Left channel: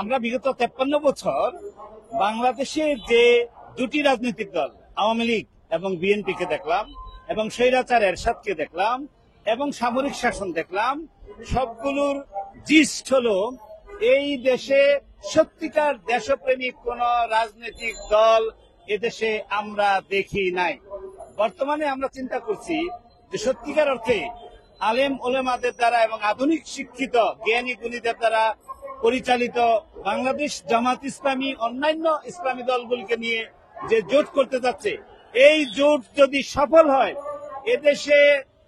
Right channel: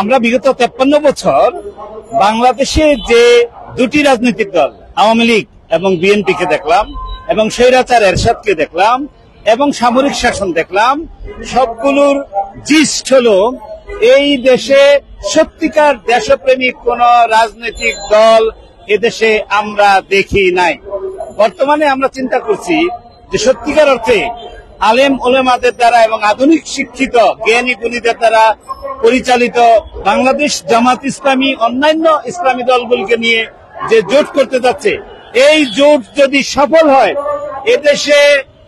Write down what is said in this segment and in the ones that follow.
আমরা বিগত 53 বছর বাংলাদেশে যে দুটি রাজনৈতিক দল আওয়ামী লীগ এবং বিএনপি কে দেখলাম, এবং স্বৈরাচার এরশাদকে দেখলাম, এবং সামরিক শাসন দেখলাম, সবগুলোর জিস্ট হলো এই দেশে সত্যিকার দেশপ্রেমিক কোন রাজনৈতিক দল এদেশে আমরা দেখি নাই। বর্তমানে আমরা চিন্তা করছি যে সত্যিকার অর্থে আলেম ওলেমাদের দ্বারা এবং আধুনিক শিক্ষিত জ্ঞানী গুণীদের দ্বারা পরিচালিত বাংলাদেশ জামাত ইসলামী অন্যান্য ইসলামী দলগুলিকে নিয়ে যে জোট করতে যাচ্ছে, এই জোট যদি সফল হয় এদেশে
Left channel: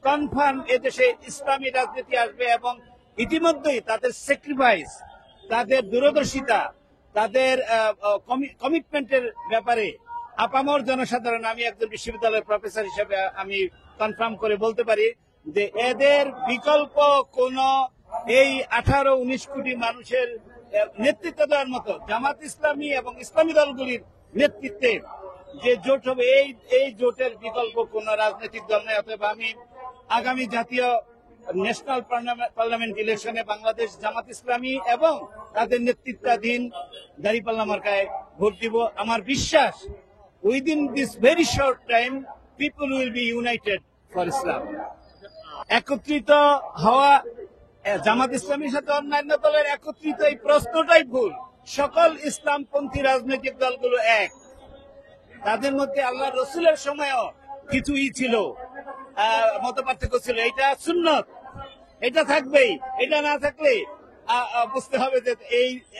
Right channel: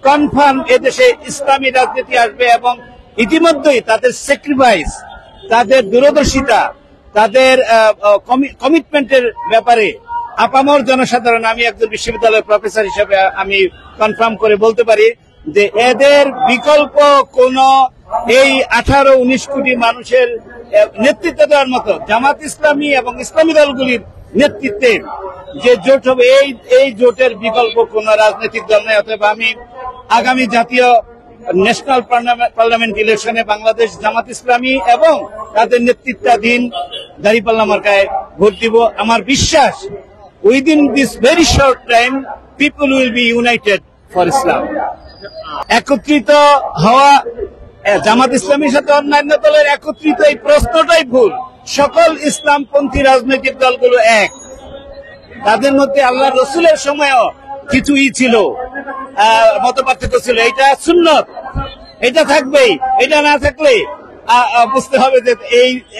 কনফার্ম এদেশে ইসলামী রাজনীতি আসবে। এবং ইতিমধ্যেই তাদের স্যাক্রিফাইস, তাদের দূরদর্শিতা, তাদের কমিটমেন্টের ব্যাপারে আপামর জনসাধারণ, আমি একজন বিশ্ববিদ্যালয়ের প্রফেসর হিসেবে আমি কনফার্ম করে বলতে পারি যে এদের বিকল্প কোন এই 18-19 কোটি মানুষের নেতৃত্ব দেওয়ার মতো জামাত ইসলামী এবং ইসলামী দলগুলির নেতৃত্বে যে জোট হবে, এই জোটের বিকল্প কোন রাজনৈতিক দল নেই। অতএব আমি আগামী জাতীয় ন্যাশনাল পার্লামেন্ট ইলেকশনে বাংলাদেশ জামাত ইসলামী এবং তাদের নেতৃত্বাধীন দাঁড়িপাল্লা মার্কায় ভোট দিব। আমার বিশ্বাস within this very short time people will be united for Islam. একত্রিত হওয়া জামাত ইসলামীর সাথে অন্যান্য দলের একত্রিত, এই প্রশ্নটাই ভুল। সকল ইসলামপন্থী রাজনৈতিক দলগুলো এক। তাদের মধ্যে আল্লাহ রসুলের সময়ও কিছুই ছিল, মত পার্থক্য ছিল। এটা সুন্নত, এটা থাকবেই। এটা না থাকলে বুঝতে হবে যে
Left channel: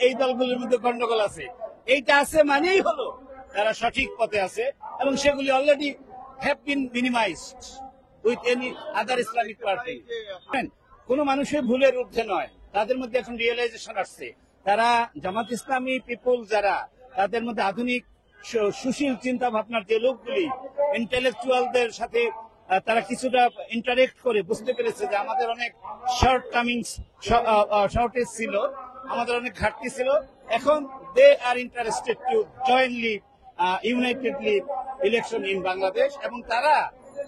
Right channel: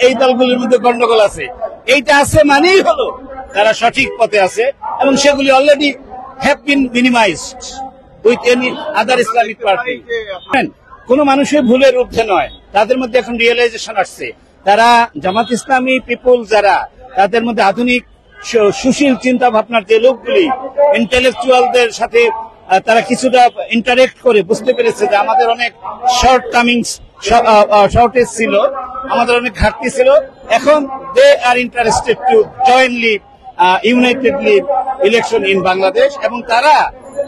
এই দলগুলির মধ্যে গন্ডগোল আছে। এইটা আছে মানেই হলো তারা সঠিক পথে আছে, এবং সেগুলি already have been minimised with any other Islamic party. কোন মানুষের ভুলের ঊর্ধ্বে নয়, তাদের মধ্যে এখন রিয়েলাইজেশন আসছে। তারা জামাত ইসলামী পিপুল যারা, তাদের মধ্যে আধুনিক সুশীল চিন্তা ভাবনার যে লোকগুলি, ইন্টেলেকচুয়ালদের সাথে তারা কিছুটা ইন্টারেক্ট করে বুঝতে পেরেছে যে আমাদের অনেক শর্টেজ ছিল, আমাদের অনেক ঘাটতি ছিল। এখন they are interested to jointly unitedly election in Bangladesh, এবং তারা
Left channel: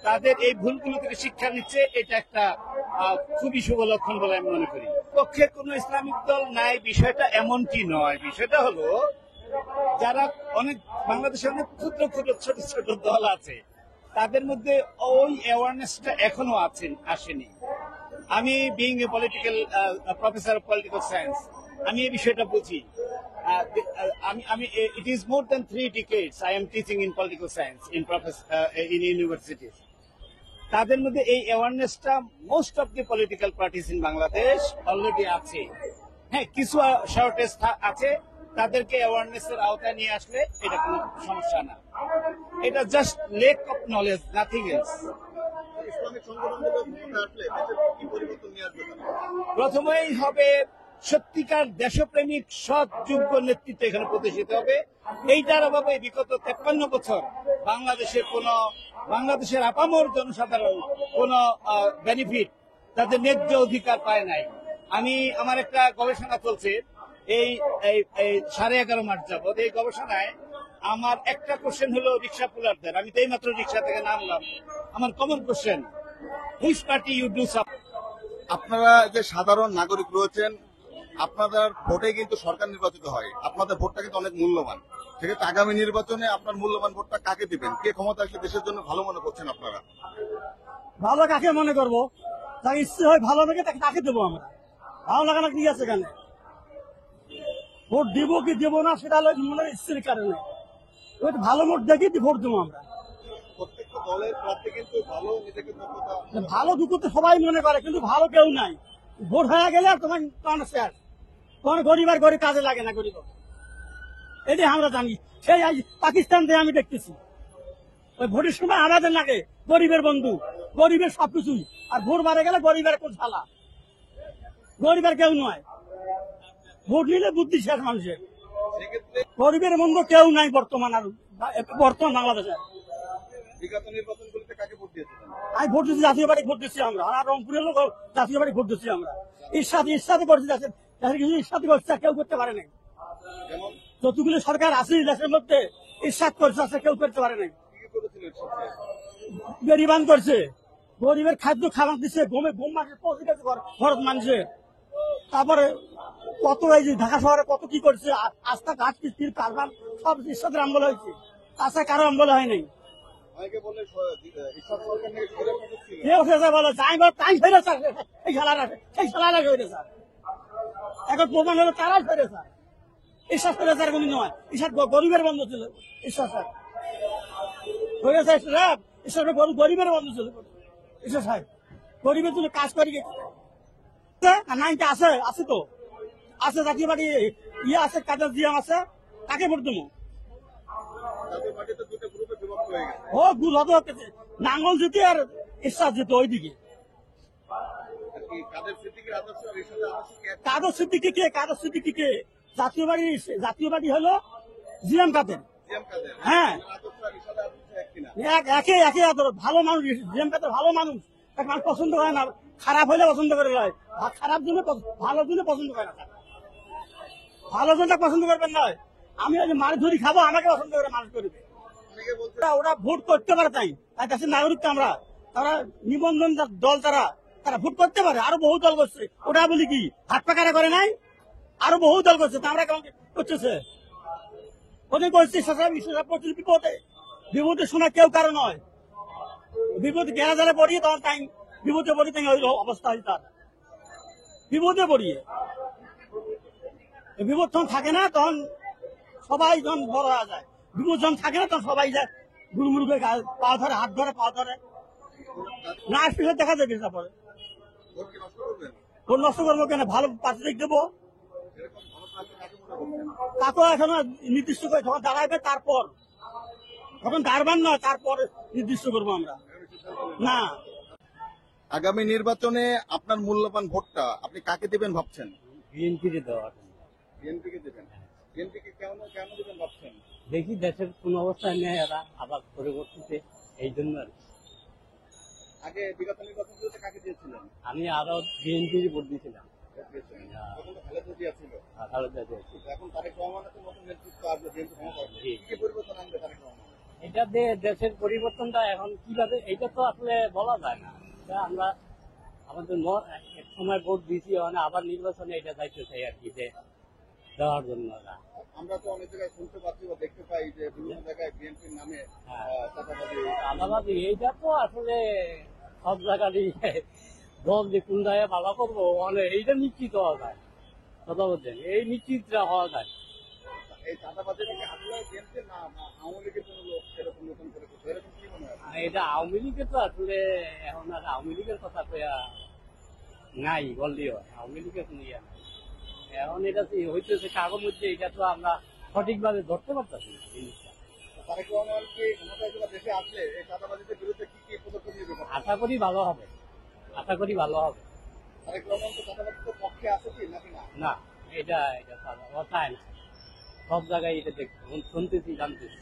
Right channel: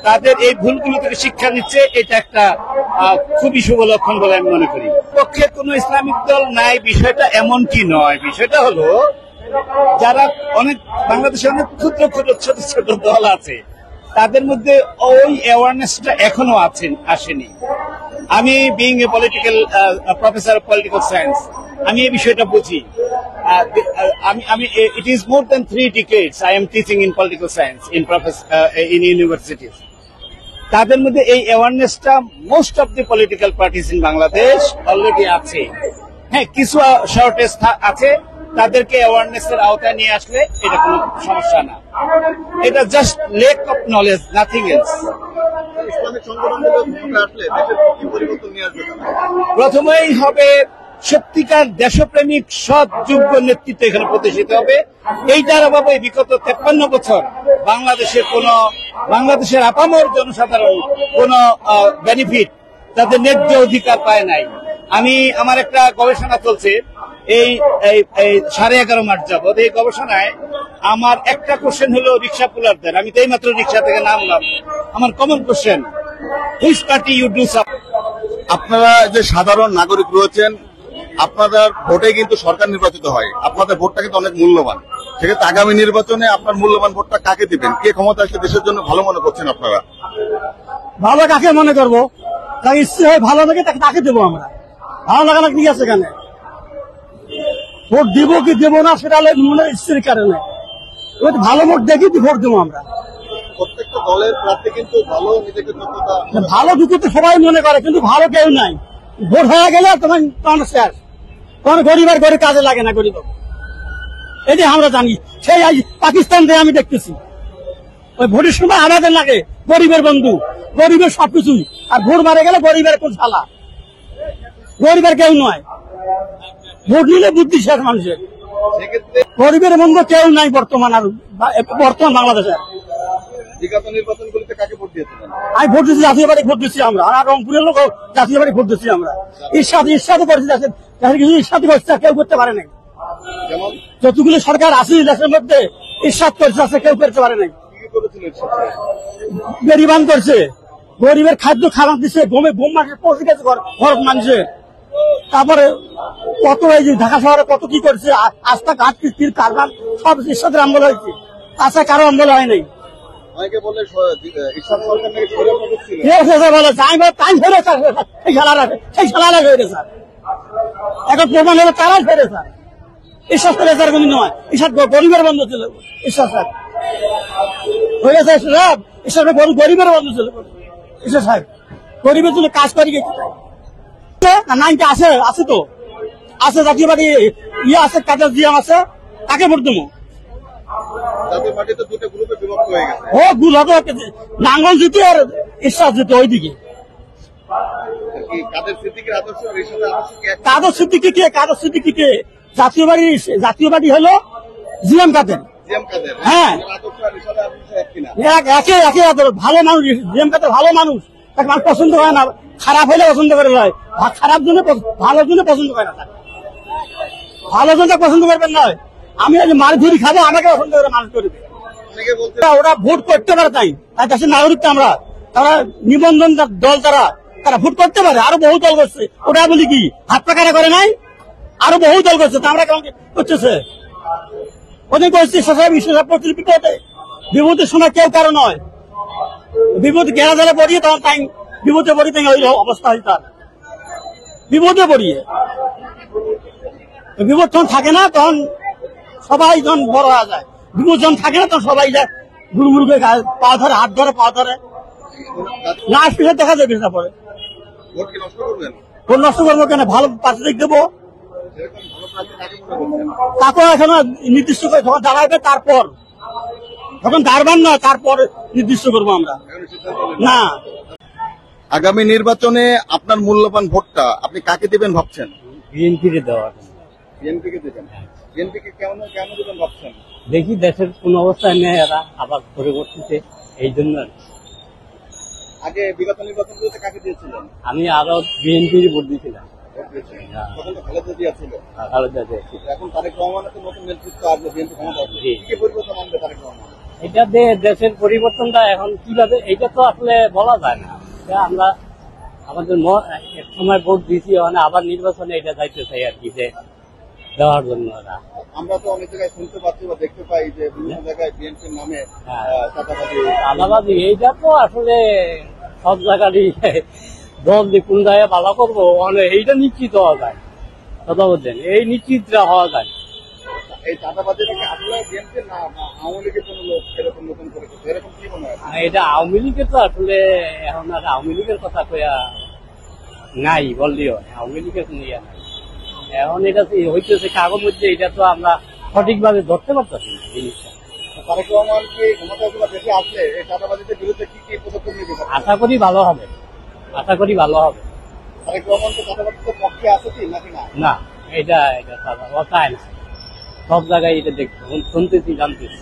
তাদের এই ভুলগুলো থেকে শিক্ষা নিচ্ছে। এটা একটা খুবই শুভ লক্ষণ বলে আমি মনে করি। পক্ষে কোন ইসলামিক দল নাই বিষয়টা এমন কি নয়। বিষয়টা হলো যারা অনেক বাংলাদেশে অনেক ক্ষুদ্র ক্ষুদ্র ছোট ছোট দল আছে, তাদের মধ্যে ওই অ্যাওয়ারনেসটা এখনো আসেনি। আমি being a political professor of political science, আমি এই বিষয়টা বুঝি। আমি it is more than 3 decades I am teaching in political science in universities. তাদের মধ্যে এই অ্যাওয়ারনেসটা most of the political parties in Bangladesh already আছে। হ্যাঁ, কিছু শর্টেজ আছে, তাদেরকে অ্যাওয়ারনেসের আওতায় নিয়ে আসলে এটা কোনো সমস্যা না। এটা just lake of knowledge, nothing else. প্রথমেই হবে সত্যিকার দেশপ্রেমিক সৎ যোগ্য নেতৃত্ব এখানে প্রতিষ্ঠিত হবে। এইটার অভাবে বিগত 53 বছর বাংলাদেশের আপামর জনসাধারণ কোন বেনিফিট, তাদের ন্যায্য অধিকার পায় নাই। আমার একটা গবেষণা চলছে এই 11.5 মাস যাবৎ। এই গবেষণায় আমার একটা কোশ্চেন হলো রিক্সা পুলারদের। আমি তো এই মাত্র রিক্সা থেকে নামলাম। আমার common question, which party you do support? আপনারা যে সাধারণ নাগরিক রয়েছেন, আপনাদের ভোটে কিন্তু সরকার নির্বাচিত হয়। আপনাদের ভোটটা কিন্তু অনেক মূল্যবান। সেক্ষেত্রে আগামী নির্বাচনে আপনার মূল্যবান ভোটটা কাকে দিবেন? কে ক্ষমতা আসলে দেশের জন্য ভালো মনে করছেন আপনারা? ভালো কাকে মনে করবো, তাকে ইচ্ছে হয় ভালো লাগে তাকে দেবো আমরা। ভালো লাগানো কি আছে এখানে? ভোট দিব কি দেবো না সেটা মনে ইচ্ছের কারণে ভালো ভোট দেখি ভোট দেবো আমরা। প্রত্যেকটা দলের প্রার্থী কিন্তু ভালো নিজেকে ভালো দুটো তো সবাই মনে করে, কিন্তু ভালো কেউ নাই। ভোট হয়ে গেলে তখন শেষ, তখন গরিবের ঘরে কাজে লাগে না। গরিব এটি আমরা জানি। সেই পাকিস্তান দিয়ে আমি দেখতেছি ওই ভোটের সময় আমাদের লাগে গরিবের বন্ধু, গরিবের সবকিছুই, আর ভোট মারে গেলে গরিবের কোন শালা, গরিবের কেউ নয়। ভোট নিলে বুদ্ধি শেষ মানুষের। গরিবের বন্ধু কেউ নাই বর্তমান বাংলাদেশে। আমি ভোট দিচ্ছি জাতীয় পার্টি, ভোট দিচ্ছি আমরা। আর রংপুরের লোক জাতীয় পার্টি ভোট দিচ্ছি আমরা। ঈর্ষাদ করেছি, ঈর্ষাদ করছে, কেউ করতে পারে নাই। যতগুলো সরকার আছে দেশের মধ্যে ঈর্ষাদ করছে, কেউ করতে পারে নাই। বেরিবান করছে, গরিবের খাদ্য খাবার দিচ্ছে, বোম মাসে পৌঁছে গেছে ঘর মানুষের। তারপরে কত এই যে ঢাকা শহরে কত কি করছে, আস্থা ঘাট কিস্তির কারবার সব ঈশ্বরের আমল হয়েছে, আস্থা কারো আমল হয় নাই। অনেকে বলে ঈশ্বর সরকার নাকি স্বৈরশাসক ছিল। বলে তাই ফেরে স্যার, সেই খেলারা ফেরে স্যার, এখন প্রমাণ হলো তারাই ফেরে স্যার। ঈশ্বর ফেরে স্যার কোনো নয়, ঈশ্বর গরিবের বন্ধু ছিল ঈশ্বর স্যার, হয়ে গেছে সব ঈশ্বর গরিবের বন্ধু ছিল ঈশ্বর সাহেব, গরিবের জন্য কাজ করি গেছে। নাইনটা আছে, আছে তো আছে, জাতীয় পার্টি ইয়ে আছে, কাজের জিয়াম আছে, তাকে ভোট দেবো। জাতীয় পার্টি তো দুটো গ্রুপে বিভক্ত হয়ে গেছে। ও ভুল হবে, নাঙ্গল জিতে আর ঈশ্বর জিতে ওইদিকে। কি কাদের সিদ্দিকীর আদর্শ আর ঈশ্বরের আদর্শ কি এক? কাদের সিদ্দিকীকে জাতীয় পার্টি হলো জিএম কাদের। জিএম কাদের হ্যাঁ। ওনার আদর্শ আর ঈশ্বরের আদর্শ এক কিনা? একে আদর, ভালো মানুষ জিএম কাদের, ভালো মানুষ, তাকে মানুষ পছন্দ করে না, খারাপ হলে পছন্দ করে নয়, খারাপ জন্য ভালোর জন্য পছন্দ করে না, ভালো জন্য পছন্দ করবেন নয়। আমি আজ মার ধরি খাবো, আমাকে পছন্দ করে মানুষ করবে। অনেকে বলছে ওরা ভোট করতে পারে, তাই তাই দেশের নাগরিক তো আমরা, তারা নিবন্ধন দল, তারা ভোট করতে পারে। আরো বহু দল করছে, ওটা বলি কি হাত পাকারা করে নাই, আরো বহু দল করছে, তা আমরা কেমন করতেছে ওদের করছে। সবাই বিশ্বসাপ বিপদের সময় কেউ কারো নয়, বিপদ ঘেরা ধরে পড়িয়ে তখন তাই বিপদে পড়ি, তাই ওই অবস্থা হয় তার, বিপদে পড়িয়ে। বিপদ যখন থাকে না তখন সবাই যখন বড় হয়ে যায়, বিপদ যখন থাকে না তখন সবাই যায় গুরুগুরু করে পা ধরে, হাত ধরে, পা ধরে, লাস্ট পিছনে দেখা যায় পিছনে পরে। ভোট কি নষ্ট করবেন? ভোট নষ্ট করবো কেন, ভালো প্রার্থী দেবো, এরকম ভালো প্রার্থী কাকে মনে করছেন? তাকেও এখনো নির্দিষ্ট করে যখন দাঁড়াবে, তারপর যখন দাঁড়াবেন না তারপর নির্দিষ্ট করবো আমরা এখনো সিদ্ধান্ত নেননি। না। আগামী নির্বাচনে আপনার মূল্যবান ভোটটা আপনি কাকে দিবেন ভাবছেন? বিএনপির দেওয়া, বিএনপি কে দিবেন? বিএনপি কে কেন কেন দিবেন ভাবছেন? দেখি দেশের কোন অবস্থায় নেই, এরা আবার পরিবর্তিতে, এই জন্য আগে বিগত নির্বাচনগুলোতে কাকে দিয়েছিলেন? আমি আরো বিএনপির ভোট দিয়েছিলাম। ভোট দিয়েছেন। তখন তো খালেদা জিয়া ছিল। খালেদা জিয়া ছিল। এখন তারেক রহমানের তো নতুন নেতৃত্ব আসবে, বিএনপি ক্ষমতা আসবে। জি। কি কি পরিবর্তন আনবে তারেক রহমান? এটা দেশের পরিবর্তনটা এখন কিভাবে, এটা তো আসলে বলা যায় না। এটা আমরা আমাদের এক সময় ভোট দিয়েছি, মানে আবার নির্বাচনে এটা যাইতে চাই আর কি, যে দেওয়ার জন্য ওরা। আমরা তো অনেক জায়গায় শুনতে পাচ্ছি বা দেখতে পাই যে বিভিন্ন জায়গায় বিএনপির নামে হ্যাঁ। চাঁদাবাজি। আলাদাবাদী এইটা তো আসলে সব জায়গারই দল যে কোন জায়গায় ভালো করবো, মানে এইটা নিশ্চিত হওয়া যায়, কথা বলছেন, এই নিশ্চিতটা হওয়া যায়। এই চাঁদাবাজিটা কি আসলে বিএনপির না আওয়ামী লীগের কোনো লোক এরকম নতুন করে করছে? এরকম কি মনে হয়? এটা আওয়ামী লীগের তো আসলে এখন আর আওয়ামী লীগের কথা কয়া নাই বললেও হয়, আওয়ামী লীগের কোনো ইয়া নাই। এখন এটা হইতেছে কাগজ মধ্যে, এটা তো আমরা সঠিকভাবে ধরতে পারতেছি না জিনিসটা। তারেক রহমান কি ক্ষমতায় দেশে আসলে এই চাঁদাবাজিদের বিরুদ্ধে কি কি পদক্ষেপ নিতে পারে? আশা করি ভালো হবে, আশা করি ভালো হবে। তারেক রহমান তো চাঁদাবাজিদের পক্ষে আছে কি নাকি না? না, এটা ও চায় না, সব জায়গায় এটা দেখতে শুনতেছি, জানতেছি।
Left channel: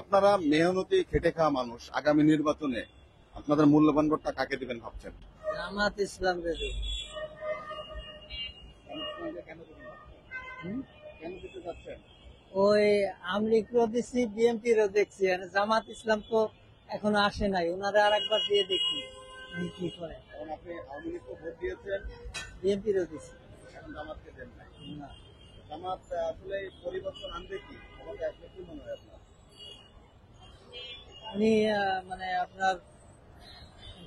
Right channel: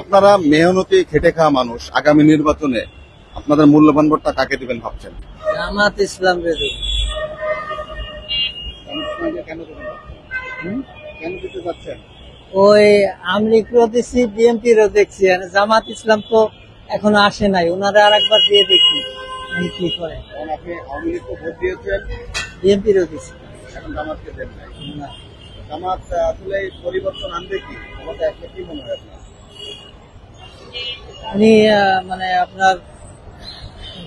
আপনারা মেহনতি খেটে খাওয়া মানুষ, আগামী নির্বাচনে আপনাদের মূল্যবান ভোটটা কাকে দিবেন ভাবছেন? জামাত ইসলাম রেডি। কেন দিবেন ভাবছেন? কেন দিতে চাচ্ছেন? ওই আমলিগও দিচ্ছি, বিএনপিরও দেখছি, আর জামাত ইসলাম তো এখনো আসে নাই, ওনারা আর একবার দিয়ে দেখি উনি কি করে। কারণ আপনি আওয়ামী লীগকে ভোট দিয়েছেন, বিএনপিরও দিচ্ছি এখন জামাতকে দেন নাই। না। জামাত আসলে এই পরিবর্তন আনবে কি? আমাকে আসলে কি মনে হয় আপনার? উনি মানে আপনার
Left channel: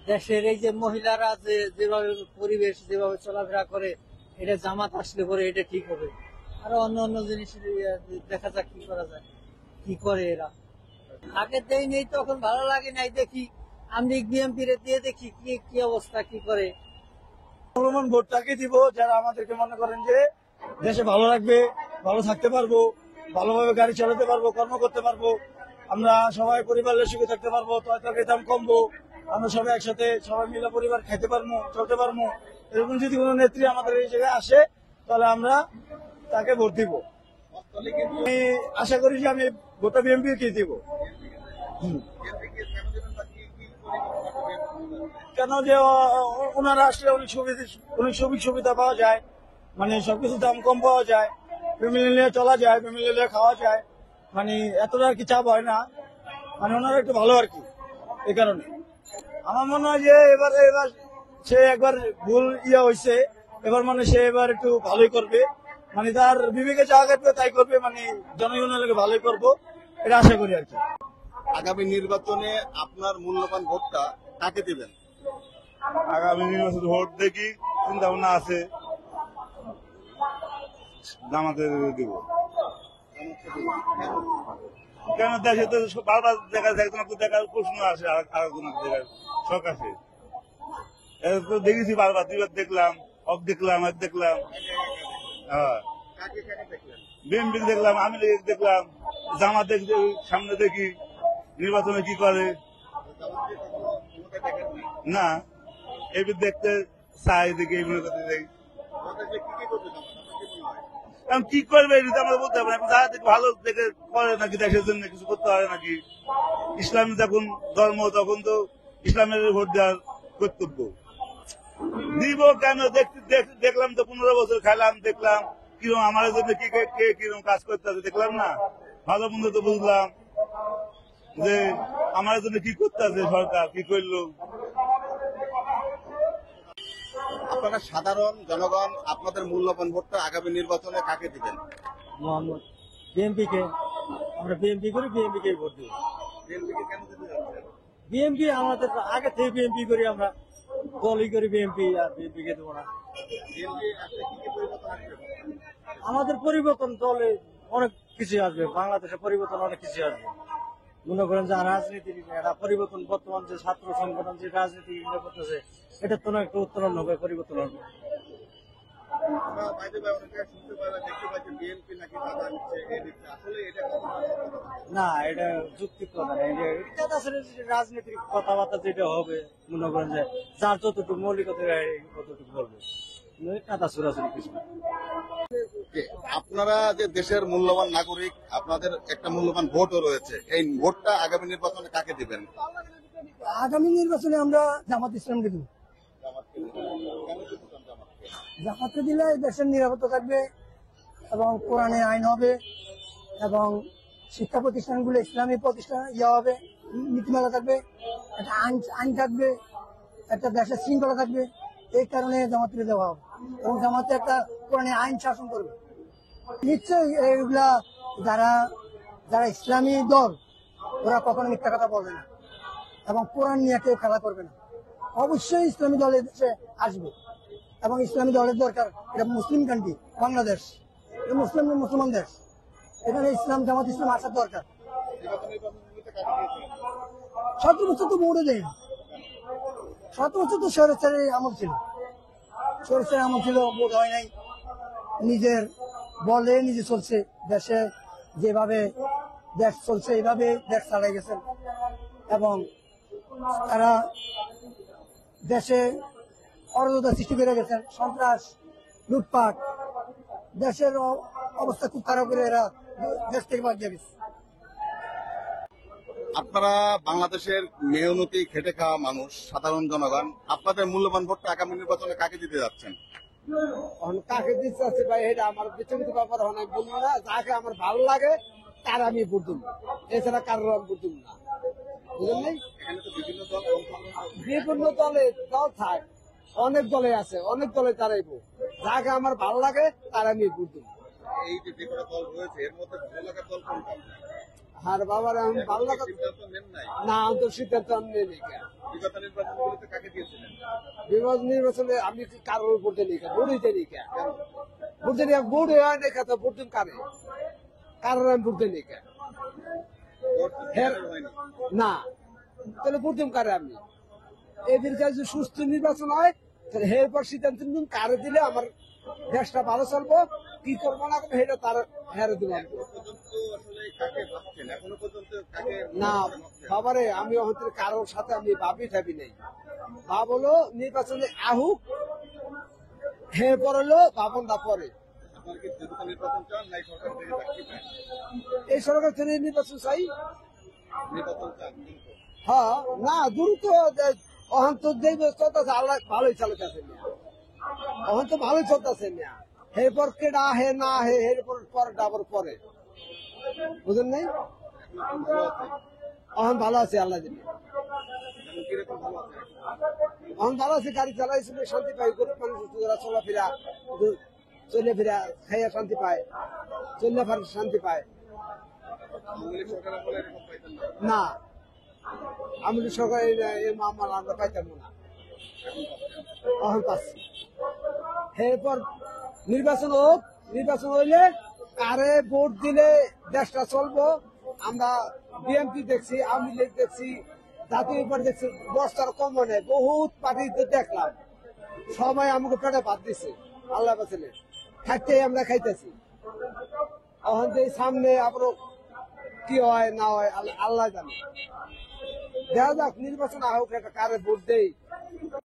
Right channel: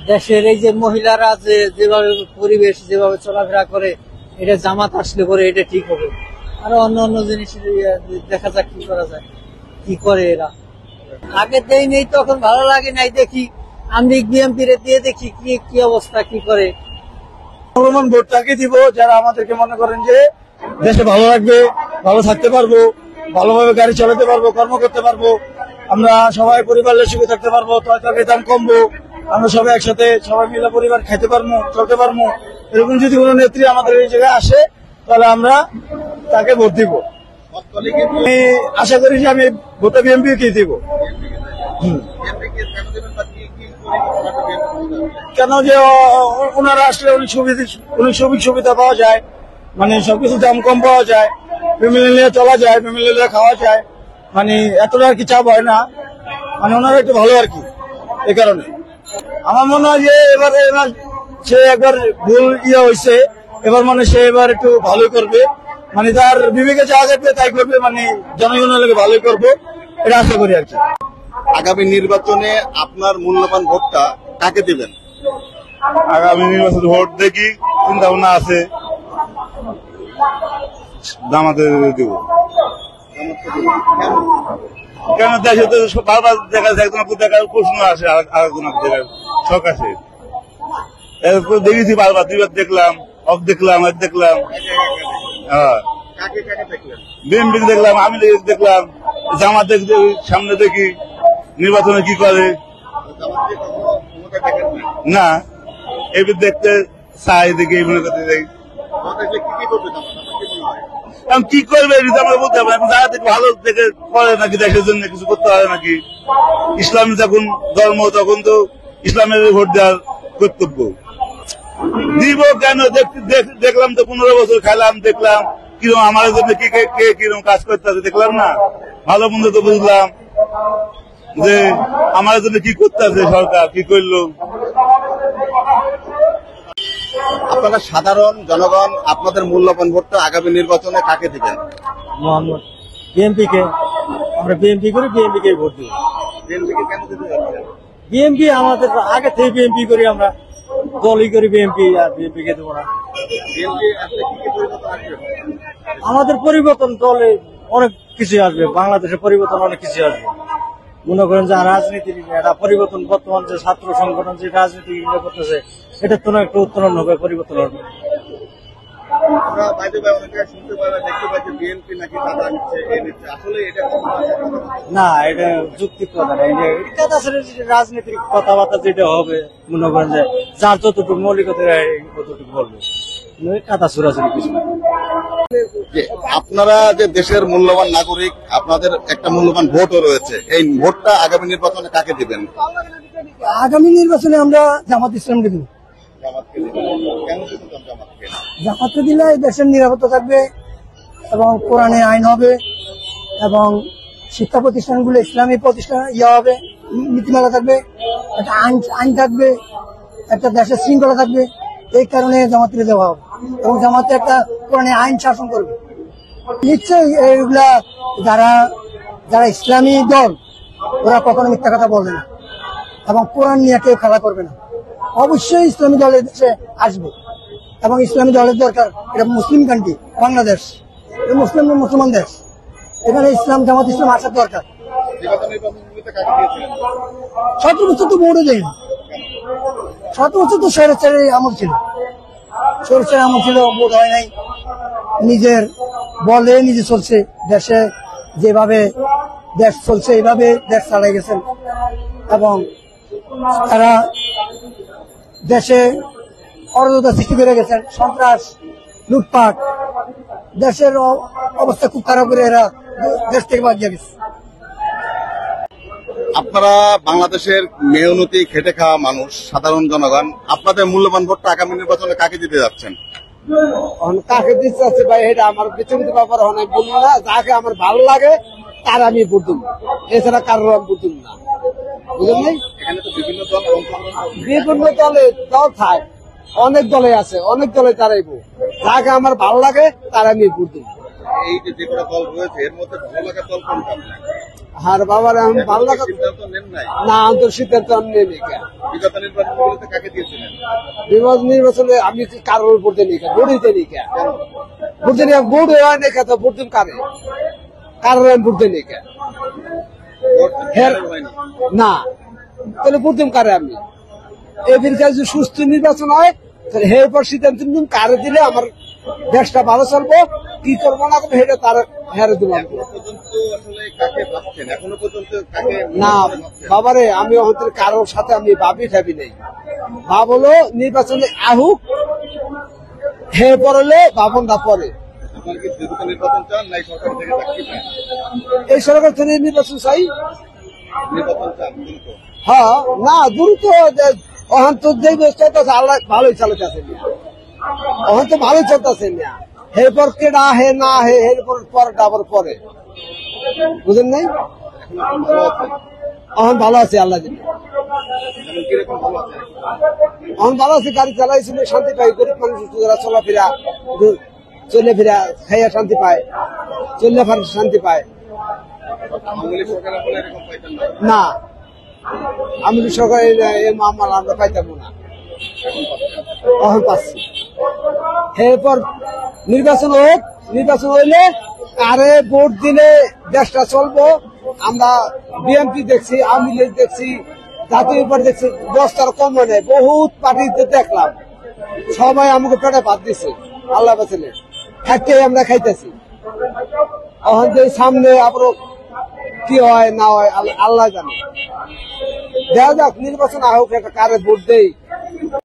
দেশের এই যে মহিলারা যেভাবে পরিবেশ যেভাবে চলাফেরা করে, এটা জামাত আসলে পরে এটা ঠিক হবে। আরো অন্য অন্য জিনিস দেখা যাক কি করা যায়, কি করে এরা। আগে দেই নেই তখন ভালো লাগে নাই, দেখি আমি বিএনপি দিয়ে দেখি কি অবস্থা, কি করে। মূল্যবান ভোটটাকে দিব যারা আমাদেরকে মনে করেন যে দেশে ভালো রাখবে, ভালো থাকতে পারবো, ভালোভাবে গাড়ি চালাতে পারবো, কর্ম করতে পারবো, আমরা সবাই পরিবারের সুখে থাকতে পারবো, তরকারির দাম কমবো, আমরা সবাই একসাথে সবাই মিলে পরিবার খাইতে পারবো, চলতে পারবো। এরকম যদি কোনো নেত্রী আমাদের এই জায়গায় আসে তাহলে আমরা তাকে ভোট দিব। আমি আশা করি যে আমি ভোটটা বিএনপি কে দিব। কেন যে ওনারা আসলে অনেক সুযোগ সুবিধা পাওয়া যায়, মানে সবকিছু দাম কম পাওয়া যায়, ফ্যামিলি নিয়ে চলা যায়, ফ্যামিলি নিয়ে খাওয়া যায়, মানে এতটা আর কি চাপ হয় না, মানে ওনারা একটু ভালো আর কি। এই কারণে আমার মনে হয় যে এবারে সে একবার ভুল হয়েছে, এবার মানে সে এবার একটু ভালোই করবে, মানে তার বিবেকে যা যাবে তাই করবে, মানে জনগণের লোকে ভালোই করবো, এটা আশা করি আর কি। আগামী নির্বাচনে আপনার মূল্যবান ভোটটা কাকে দিবেন? আগামী নির্বাচনে ভোট দেখি, চিন্তা ভাবনা আছে, জামাতে দিব। কেন দেশে তো বারবার দেখা যায়, একজনকে দেখার প্রশ্ন আসে, আরেকজনকে দেখার শখ আছে। এরপর দেখেছি বারবার, দুইবার দেখলাম, দেখলাম, আর দেখলাম। হ্যাঁ, বিএনপি দেখলাম, আমি দেখলাম, জামাত সামনে দেখি নির্বাচনে কি করে না, এবার দেখতে চাই, দেখি এই মনে করতে যাই। এখন কি করবে এটা আমরা বলতে পারি, যারা দেখে ভালো দেখে করে নাকি, দেশের জন্য কিছু করতে পারে নাকি। ইসলামী যখন ধর্ম, তখন তো ইসলামের ভোট দেওয়ার কর্তব্য। দিব কেন, দেখলাম তো 15 বছর খেলাম, দেখলাম কিরকম আমার জন্য কে কিরকম কাজ করতে হবে, দেখলাম না, ভালো মন্দ তো বুঝলাম যে আমার জন্য কি করতে আছে সরকার, কি করলো। আপনারা সাধারণ জনগণ আপনাদের মূল্যবান ভোটটা আগামী নির্বাচনে কাকে দিবেন? মোহাম্মদ বিএনপি কে, আমরা বিএনপি করি, বিএনপি কে ভোট দিব। বিএনপিকে কেন দিতে যাচ্ছেন? বিএনপি আমাদের আগে থেকে বিএনপি করি, আমরা দলই করি বিএনপি, আর বিএনপি কে দেবো না। বিএনপি আসলে কি পরিবর্তন আসবে? আমাদের পরিবর্তন দলে অনেক কিছু আসবে, বাংলাদেশের পরিবর্তন অনেক কিছু আসবে। মনে করেন যে রাজনীতির একটা পরিবর্তন, বর্তমান যে ছাত্র সংগঠন যে রাজনীতি করতেছে, এটার তো একটু উত্তরণ হবে, পরিবর্তন হবে। আমরা বাইরে অনেকে শুনতে পাই, দেখতে পাই যে বিএনপি নাকি চাঁদা নিচ্ছে, নিচ্ছে, আসলে এটা কখনো আছে? না, এটা যুক্তির কথা না, এটা আসলে রাজনীতির কথাবার্তা যেটা হবে, মনে করেন যে যার যতটুকু মৌলিকতা ততটুকু বলবে, কাদা ছুড়াছুড়ি কিছু না। যে আপনারা যে দেশের মূল্যবান নাগরিক, আপনাদের একটা মূল্যবান ভোটও রয়েছে, এই ভোটটা আগামী নির্বাচনে কাকে দিবেন? আগামী নির্বাচনে আমরা জামাত ইসলাম দেব। জামাতকে দিবেন। কেন দিবেন জামাতকে? জামাতকে দিলে দেশের নিরাপত্তা থাকবে, এবং কোরআনে আইন হবে, এবং শিক্ষা প্রতিষ্ঠানগুলো ইসলামী প্রতিষ্ঠান হবে, নীতিমালা থাকবে, একটা আইন থাকবে, একটা দেশের শৃঙ্খলা থাকবে। এই কারণে জামাতকে দেওয়া হবে, এবং জামাতে একটা কোরআনে আইন শাসন করবে। নিশ্চয়ই এইগুলা যারা ইসলামী দল, ওরা কখনো মিথ্যা কথা বলবে না, এবং কোরআন নিয়ে কেউ খেলা করবে না। অবশ্যই ইসলামী দলের দেশে আসবে, এবং ইসলামী দলের দরকার। এটা মুসলিম কান্ট্রি, বাংলাদেশ মুসলমান দেশ, এখানে জামাত ইসলাম আসার দরকার। 17 বছর তো ভোটও দেয় না, 7 বছর তো স্বৈরাচারের আমল ছিল, ভোট হয় নাই। নিজের বলে নিজে চলছে, দেশে যেভাবে দেশ চলছে এইভাবে দেশ চালাই গেছেন, এবং তারা দেশে অরাজকতা সৃষ্টি করে গেছেন, সন্ত্রাস, লুটপাট, দেশের অবস্থা খুব খারাপ করে এরা দেশ থেকে বাদ দিয়ে গেছে। আপনারা বাংলাদেশের মেহনতি খেটে খাওয়া মানুষ, সাধারণ জনগণ, আপনাদের মূল্যবান ভোটটা আগামী নির্বাচনে কাকে দিতে যাচ্ছেন? কাকে দিতে আছে ভাই, এটা আমার বিচলিত ব্যাপার অনেক বলবো না। যাকে আমার ভালো লাগে তার আমি ভোট দেবো, এছাড়া কারোর আমি ভোট দেবো না, বুঝলেন? এখানে তো বিভিন্ন দল অংশগ্রহণ করছে। বিভিন্ন দল থাকে, অনেক দলে আছে, অনেক দলে তারাইবো, যাকে আমার ভালো লাগে তার আমি ভোট দেবো। এই যে কটা দল রয়েছে, এর মধ্যে ভালো লাগার দল কোনটা? আর বাবার আমি ভালো লাগে সিদ্ধান্ত নেন নাই? না, আন্তর সিদ্ধান্ত আমি নেই। বিগত নির্বাচনগুলোতে কাকে দিয়েছিলেন? নির্বাচনে আমি কারোর ভোট দিই, ভোট দিতে নিই, ভোট হয় না তো ভোট দিন কারে, কারোর আমি ভোট দিই ভোট ফাইনাল হয়নি। না, তাহলে ভোট দিন কারে আমি। এদের কাছে সুস্থ নির্বাচন হয়, তাহলে এরপর সিদ্ধান্ত নিন কারে দিলে আমার দেশটা ভালো চলবো, কি করবো না করবো সেটা তার হেরে দেবো। এখনো পর্যন্ত আসলে কাকে ভাবছেন? এখনো পর্যন্ত কাকে না ভাবছেন? বাবারে, আমি হয়তো কারোর সাথে আমি ভাবি নেই। ভাব হলো নির্বাচনে আহুক, হে পড়লে ভাবনটা পরে। আপনার কি দ্রুত নির্বাচন চান, নাই সরকার থেকে চাকরি চান? এই সরকার থেকে নির্বাচন চাই। নির্বাচন চান দ্রুত? হ্যাঁ, না দ্রুত অহন তো যে চলতেছে আল্লাহ ভালোই চালাতেছে, অহন তো ভালোই চলতেছে না। এরপর কেডা হে না হে, এরপর পরটা আবার পরে, বুঝেন নাই? এখন আপনি ভালো আছেন? অহন ভালো আছে আল্লাহ জানে। যেমন কিরকম ভালো আছে? এখন ভালো আছে, গাড়ি চালাইছিল শান্তি পাই, গরিব মানুষ যারা চলাফেরা চলে ফেরা খাইয়া শান্তি পায়, চললে ফেরা শান্তি পায়। আওয়ামী লীগ সরকার আমলে এরকম পাইতেন না, না, আমি সরকারের মামলা আমরা পাইতাম না, এখন পাচ্ছি। এরপর নির্বাচন হোক, নির্বাচন হইলে কারে ভোট দিলে দেশটা চলবো। আমরা বিএনপি দেখছি, আওয়ামী লীগ দেখছি, জাতীয় পার্টি দেখছি, 10টার কম নেই, বহুত পার্টিতে দেখলাম, সবাই আমাকে পেটে ভাত দিছে, আল্লাহ বাঁচালে খাইতে আমরা খাইতেছি। এখন যে সামনে আবার কি হয় না হয় আল্লাহ জানে। দেখা যাক, নির্বাচন হোক, একটা কারে ভোট দেই।